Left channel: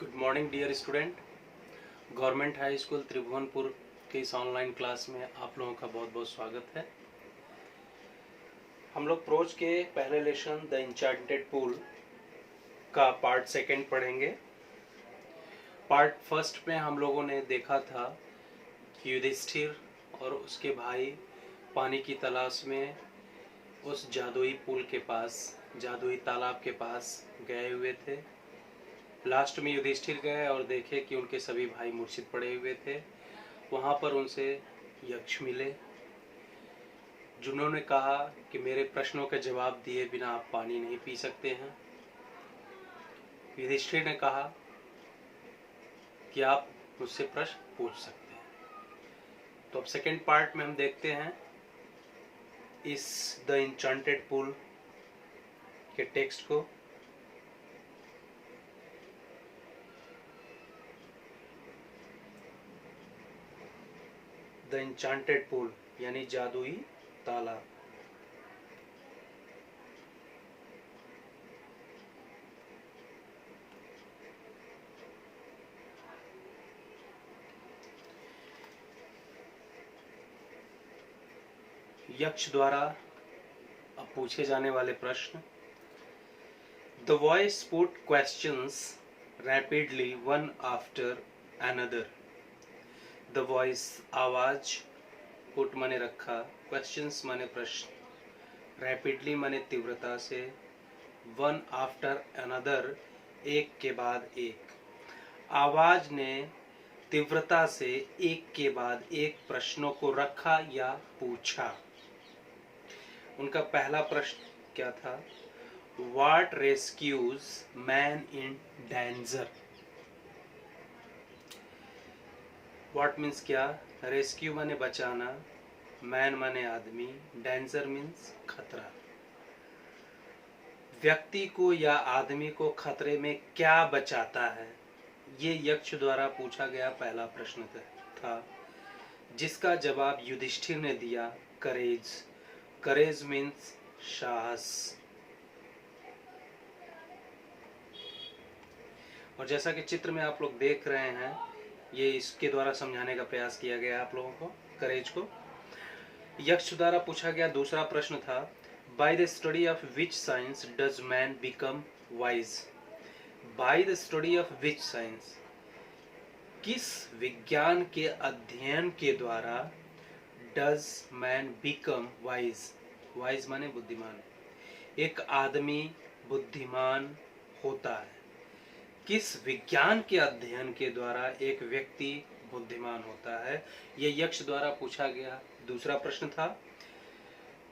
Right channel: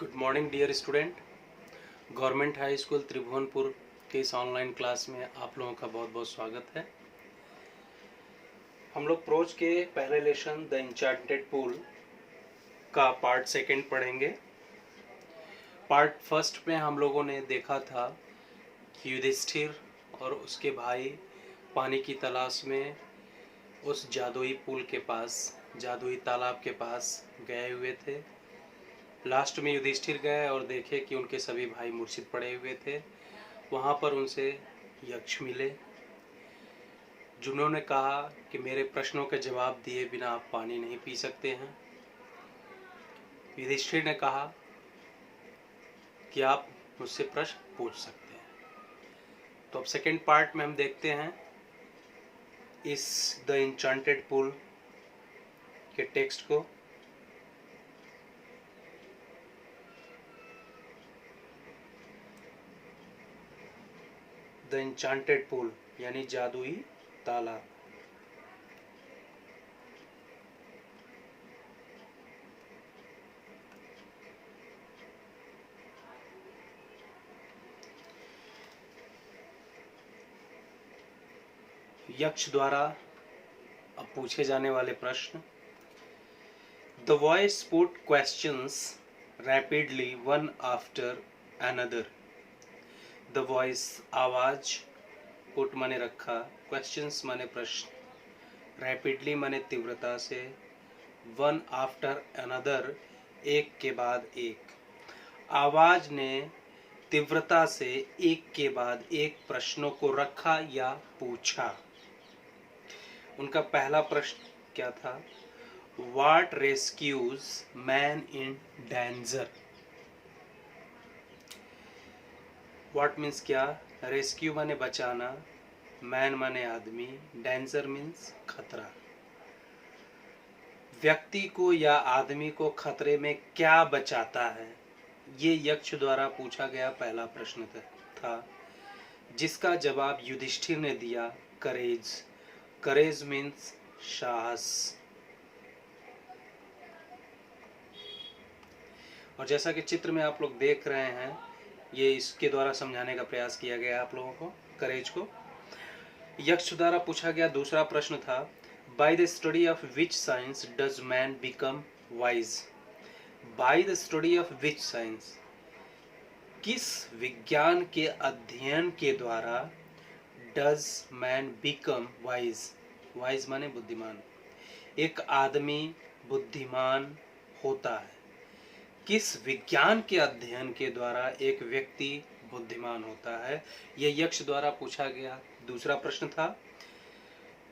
Good morning dear student. Government high school Tribhuvanpur के इस online class में आप लोगों का बहुत बहुत स्वागत है। हम लोग प्रोज के पहले लेसन द इंचार्टेड पूल का पार्ट सेकंड पढ़ेंगे। पार्ट फर्स्ट में हम लोगों ने देखा था कि युधिष्ठिर और उसके भाई पानी की तलाश में उस जादुई पुल के पास, जादुई तालाब के पास गए हुए थे। लास्ट में युधिष्ठिर गए और देखे कि उनके सभी भाई मूर्छित पड़े हुए थे। वहाँ पर उनसे यक्ष मिले, जिन्होंने कहा कि मेरे प्रश्नों के जवाब दिए बिना आप पानी नहीं पी सकते हैं। युधिष्ठिर ने कहा कि आप मुझसे प्रश्न पूछ सकते हैं। तो अब सेकेंड पार्ट में हम देखते हैं इस द इंचांटेड पूल के टेक्स्ट को। द इंचांटेड पूल यानी जादुई तालाब। यक्ष द्वारा अब पूछे जाने वाले प्रश्न। The voice put questions rapidly one after another. The voice आवाज, पुट माने रखा, क्वेश्चंस माने प्रश्न, रैपिडली माने तीव्रता से, वन आफ्टर अनदर एक के बाद एक। आवाज ने तीव्रता से एक के बाद एक प्रश्नों को रखा या पूछा। उनका पहला प्रश्न क्या था? What rescues man in danger? What means क्या? रेस्क्यू माने बचाना, मैन माने आदमी, डेंजर मीन्स खतरा। व्यक्ति को या आदमी को खतरे में क्या बचाता है, ये यक्ष द्वारा पूछा गया पहला प्रश्न था, जिसका जवाब युधिष्ठिर ने दिया करेज। करेज मीन्स साहस। और जैसा कि चित्र में आप लोग देख रहे हैं, ये इसके द्वारा समझाने का प्रयास किया गया आप लोगों को करेज को। यक्ष द्वारा पूछा गया दूसरा प्रश्न था, by the study of which science does man become wise. By the study of which science, किस विज्ञान के अध्ययन के द्वारा does man become wise. Wise माने बुद्धिमान। एक आदमी बुद्धिमान होता है। किस विज्ञान के अध्ययन के द्वारा एक व्यक्ति बुद्धिमान होता है, यह यक्ष द्वारा पूछा गया दूसरा प्रश्न था।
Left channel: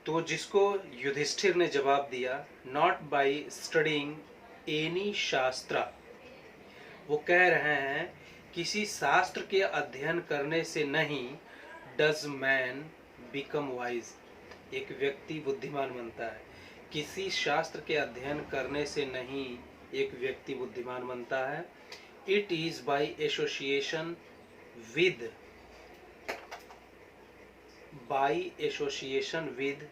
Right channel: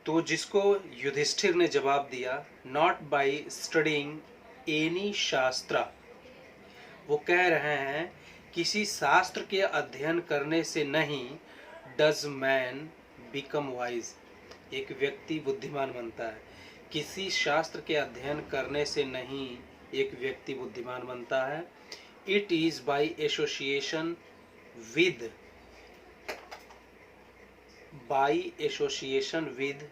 तो जिसको युधिष्ठिर ने जवाब दिया, नॉट बाय स्टडिंग एनी शास्त्र। वो कह रहे हैं किसी शास्त्र के अध्ययन करने से नहीं डज मैन बिकम वाइज, एक व्यक्ति बुद्धिमान बनता है। किसी शास्त्र के अध्ययन करने से नहीं एक व्यक्ति बुद्धिमान बनता है। It is by association with, by association with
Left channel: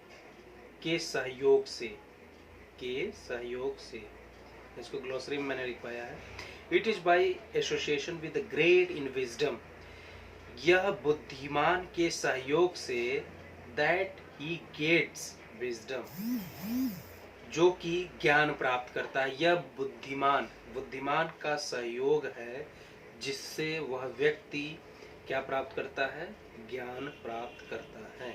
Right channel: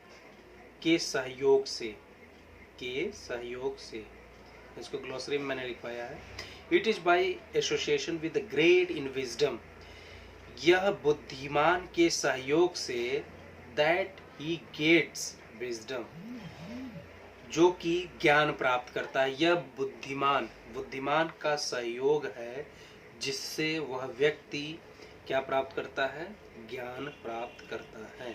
के सहयोग से, के सहयोग से, इसको ग्लोसरी में मैंने लिखवाया है। It is by association with great in wisdom, यह बुद्धिमान के सहयोग से, दैट ही गेट्स विजडम, जो कि ज्ञान प्राप्त करता है। यह बुद्धिमान का सहयोग है जिससे वह व्यक्ति क्या प्राप्त करता है? ज्ञान प्राप्त करता है।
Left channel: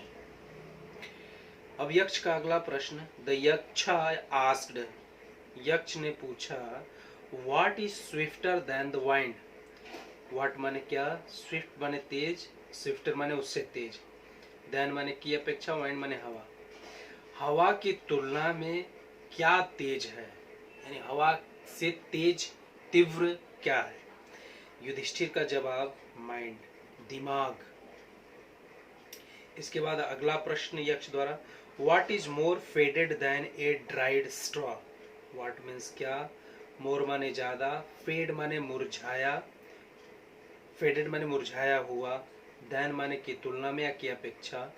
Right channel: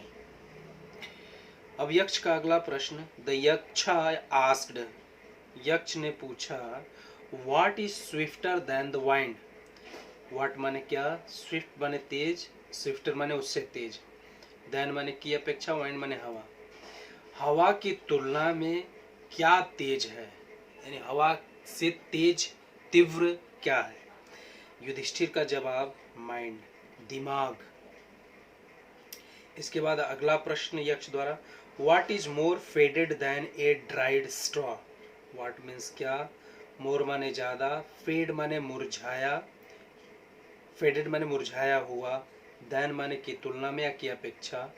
अब यक्ष का अगला प्रश्न, द यक्षा आस्क्ड, यक्ष ने पूछा, what is swifter than the wind. What माने क्या? स्विफ्ट माने तेज, स्विफ्टर माने उससे तेज, देन माने की अपेक्षा, वाइंड माने हवा। हवा की तुलना में क्या तेज है, यानी हवा से तेज तीव्र क्या है? युधिष्ठिर का जवाब माइंड, दिमाग। इसके बाद अगला प्रश्न यक्ष द्वारा, what is more faded than a dried straw. What means क्या? मोर माने ज्यादा, फेड माने मुरझाया, फेडेड माने मुरझाया हुआ, देन माने की तुलना में या की अपेक्षा,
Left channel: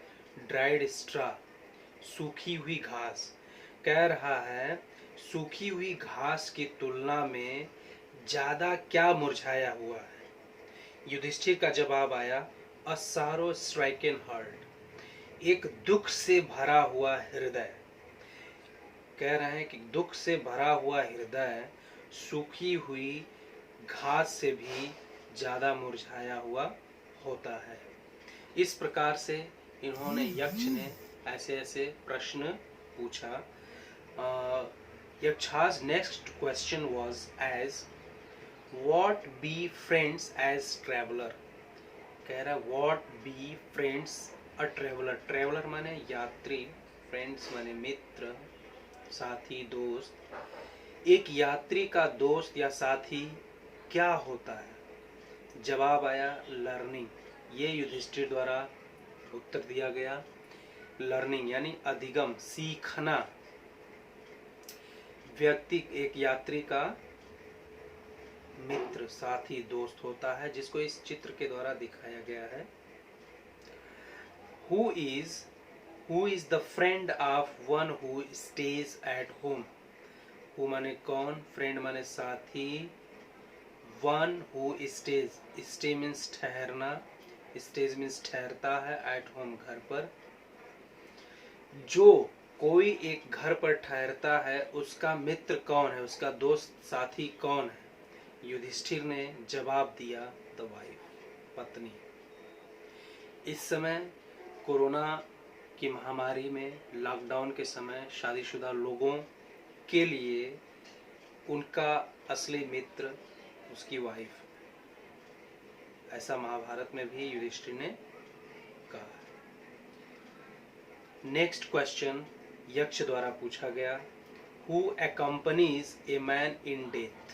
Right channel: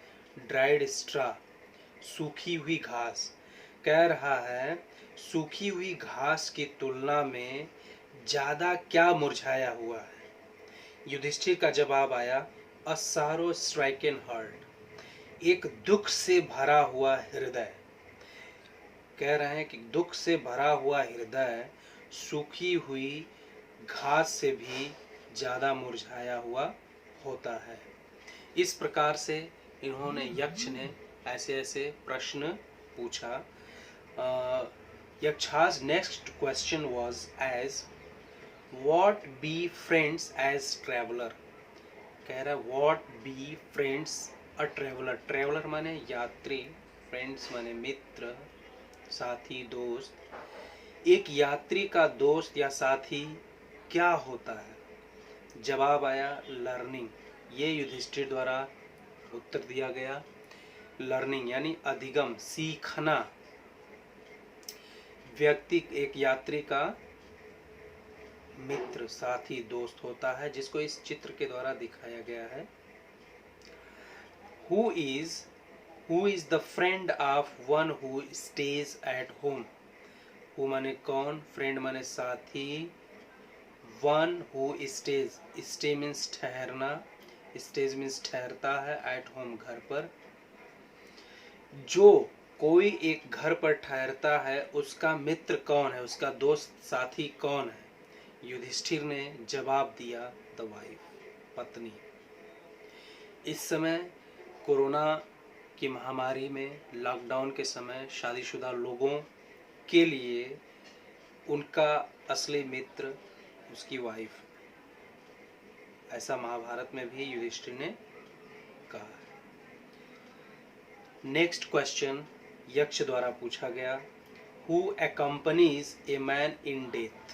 ड्राइड स्ट्रॉ सूखी हुई घास। कह रहा है सूखी हुई घास की तुलना में ज्यादा क्या मुरझाया हुआ है? युधिष्ठिर का जवाब आया, अ सारो स्ट्राइकन हार्ट, एक दुख से भरा हुआ हृदय। कह रहे हैं कि दुख से भरा हुआ हृदय सूखी हुई घास से भी ज्यादा मुरझाया हुआ होता है। इस प्रकार से इन्होंने, यक्ष ने ऐसे ऐसे प्रश्न पूछा। Yaksha's next question was as what be friends as traveler। कह रहा है what be friends a traveler। traveler माने यात्री, friends माने मित्र, साथी, दोस्त। एक यात्री का दोस्त या साथी क्या होता है? जवाब आया लर्निंग। ये युधिष्ठिर द्वारा उत्तर दिया गया। लर्निंग यानी अधिगम, सीखना। व्यक्ति एक यात्री का मित्र, साथी, दोस्त होता है, जिसको इस चित्र के द्वारा दिखाया गया है। Who is the friend of one who stays at home? Who माने कौन, friend माने साथी, one who stays, stay means ठहरना, stays means ठहरता है, at home घर पर। जो कोई एक घर पर ठहरता है उसका मित्र कौन है, उसका दोस्त साथी कौन है? युधिष्ठिर ने जवाब दिया, द वाइफ, पत्नी। इस समय कोरोना की महामारी में, लॉकडाउन के समय शादीशुदा लोगों के लिए उनका असली मित्र उसकी वाइफ। ऐसा महाभारत में भी युधिष्ठिर ने कहा। नेक्स्ट क्वेश्चन यक्ष द्वारा पूछा गया, who accompanies a man in death?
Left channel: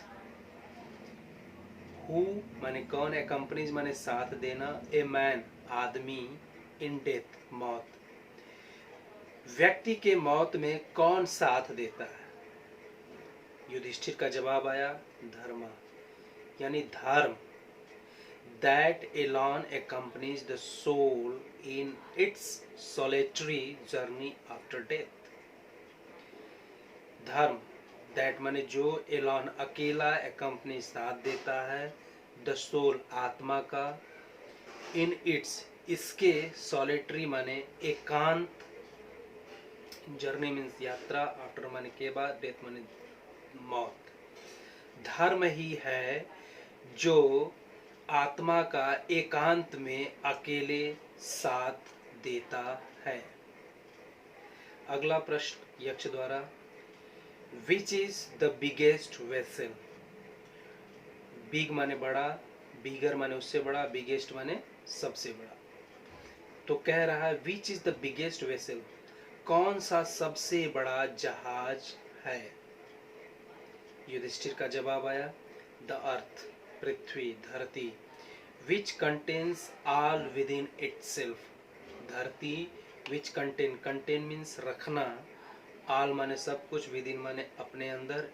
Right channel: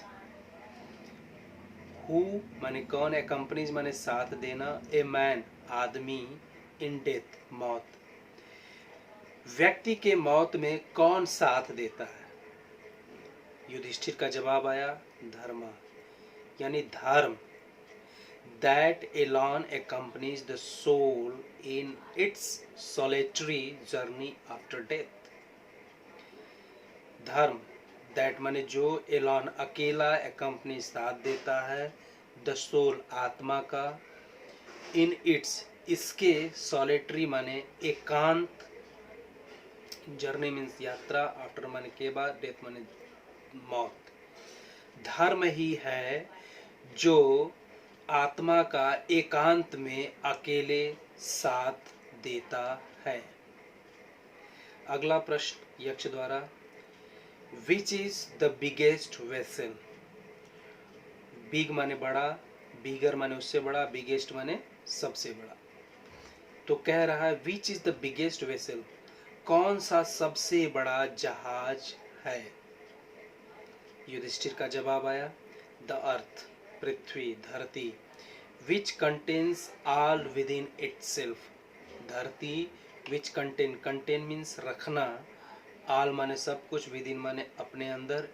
Who माने कौन, accompanies माने साथ देना, a man आदमी, in death मौत, व्यक्ति के मौत में कौन साथ देता है? युधिष्ठिर का जवाब आया, धर्म यानी धर्म। That alone accompanies the soul in its solitary journey after death। धर्म, दैट माने जो, एलॉन अकेला, accompany साथ देता है, द सोल आत्मा का, इन इट्स इसके, सॉलिटरी माने एकांत, जर्नी मीन्स यात्रा, आफ्टर माने के बाद, डेथ माने मौत। धर्म ही है जो आत्मा का एकांत में अकेले साथ देता है। अगला प्रश्न यक्ष द्वारा, Which is the biggest vessel? Big माने बड़ा, बिगर माने उससे बड़ा, बिगेस्ट माने सबसे बड़ा। तो कह रहा है Which is the biggest vessel? कौन सा सबसे बड़ा जहाज है? युधिष्ठिर का जवाब आया, द अर्थ, पृथ्वी, धरती, which contains all within itself। धरती, which contain means रखना, all माने सब कुछ, within माने अपने अंदर।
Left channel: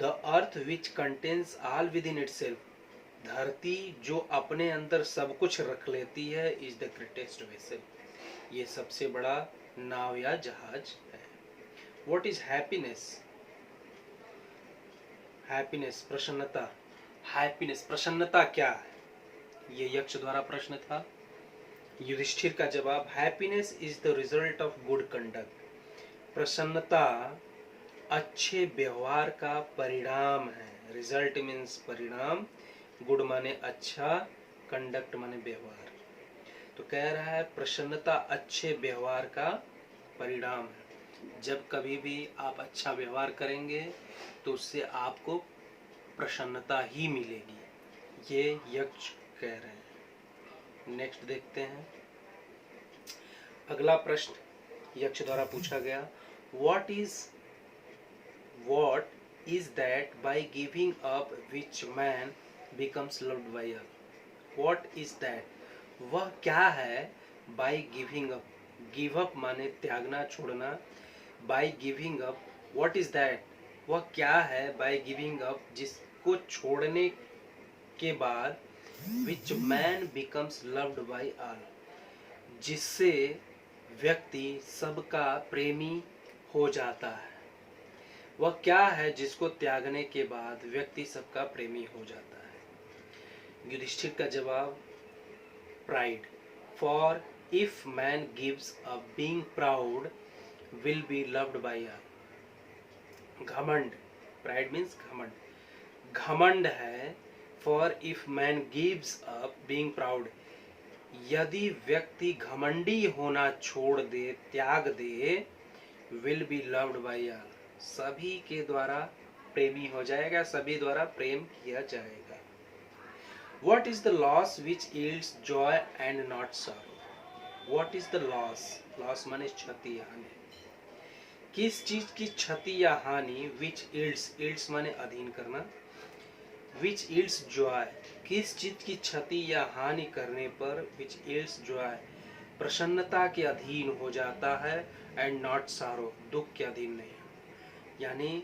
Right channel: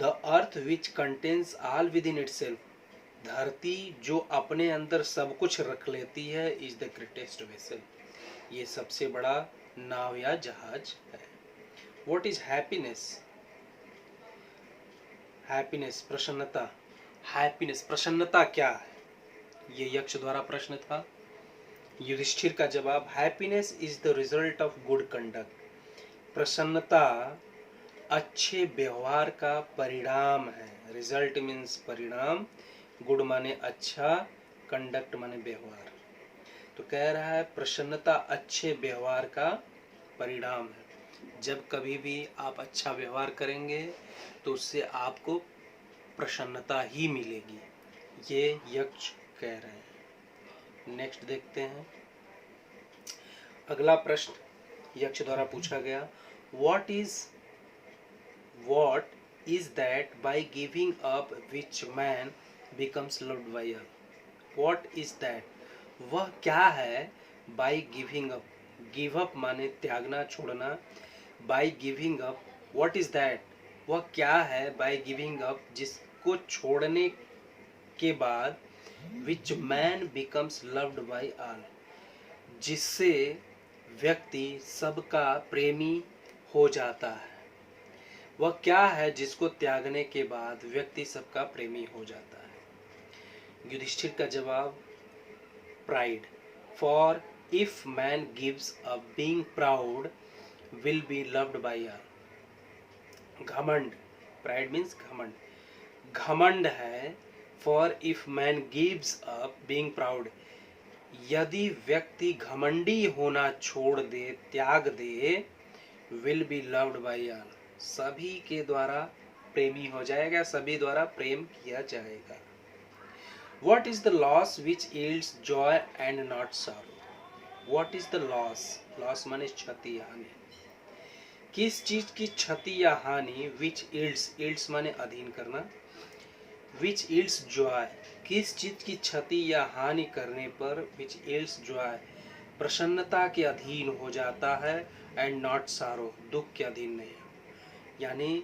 The earth which contains all within itself, धरती जो अपने अंदर सब कुछ रख लेती है, is the greatest vessel, ये सबसे बड़ा नाव या जहाज है। What is happiness? Happiness प्रसन्नता, happiness प्रसन्नता क्या है? ये यक्ष द्वारा प्रश्न था। युधिष्ठिर का जवाब, happiness is the result of good conduct. प्रसन्नता अच्छे व्यवहार का परिणाम है। रिजल्ट मीन्स परिणाम, गुड माने अच्छा, कंडक्ट माने व्यवहार। तो कह रहा है प्रसन्नता अच्छे व्यवहार का परिणाम है। जब कभी भी आप अच्छा व्यवहार करेंगे तो उससे आपको प्रसन्नता ही मिलेगी, ये यक्ष कह रहे हैं। नेक्स्ट देखते हैं। अगला प्रश्न यक्ष द्वारा पूछा गया, what is that by giving up which man becomes loved by all? What is that? वह क्या है? by giving up, give up माने त्यागना, छोड़ना, by giving up, what is that? वह क्या है? by giving up, जिसको छोड़ने के बाद, which man becomes loved by all, जिससे व्यक्ति सबका प्रेमी हो जाता है। वह क्या है जिसको त्यागने के बाद व्यक्ति सबका प्रेमी हो जाता है? युधिष्ठिर का जवाब, pride. For if man gives up being proud will be loved by all. घमंड, प्राइड मीन्स घमंड, घमंड है। For if man gives up being proud, यदि व्यक्ति घमंडी होना छोड़ दे, त्याग दे, will be loved by all, सभी के द्वारा प्रेमी हो जाएगा, सभी द्वारा प्रेम किया जाएगा। What is the loss which yields joy and not sorrow? What is the loss? Loss माने क्षति, हानि। किस चीज की क्षति या हानि? which yields माने अधीन करना, which yields joy, किस चीज की क्षति या हानि करने पर which yields joy, प्रसन्नता के अधीन हो जाता है, and not sorrow, दुख के अधीन नहीं। यानी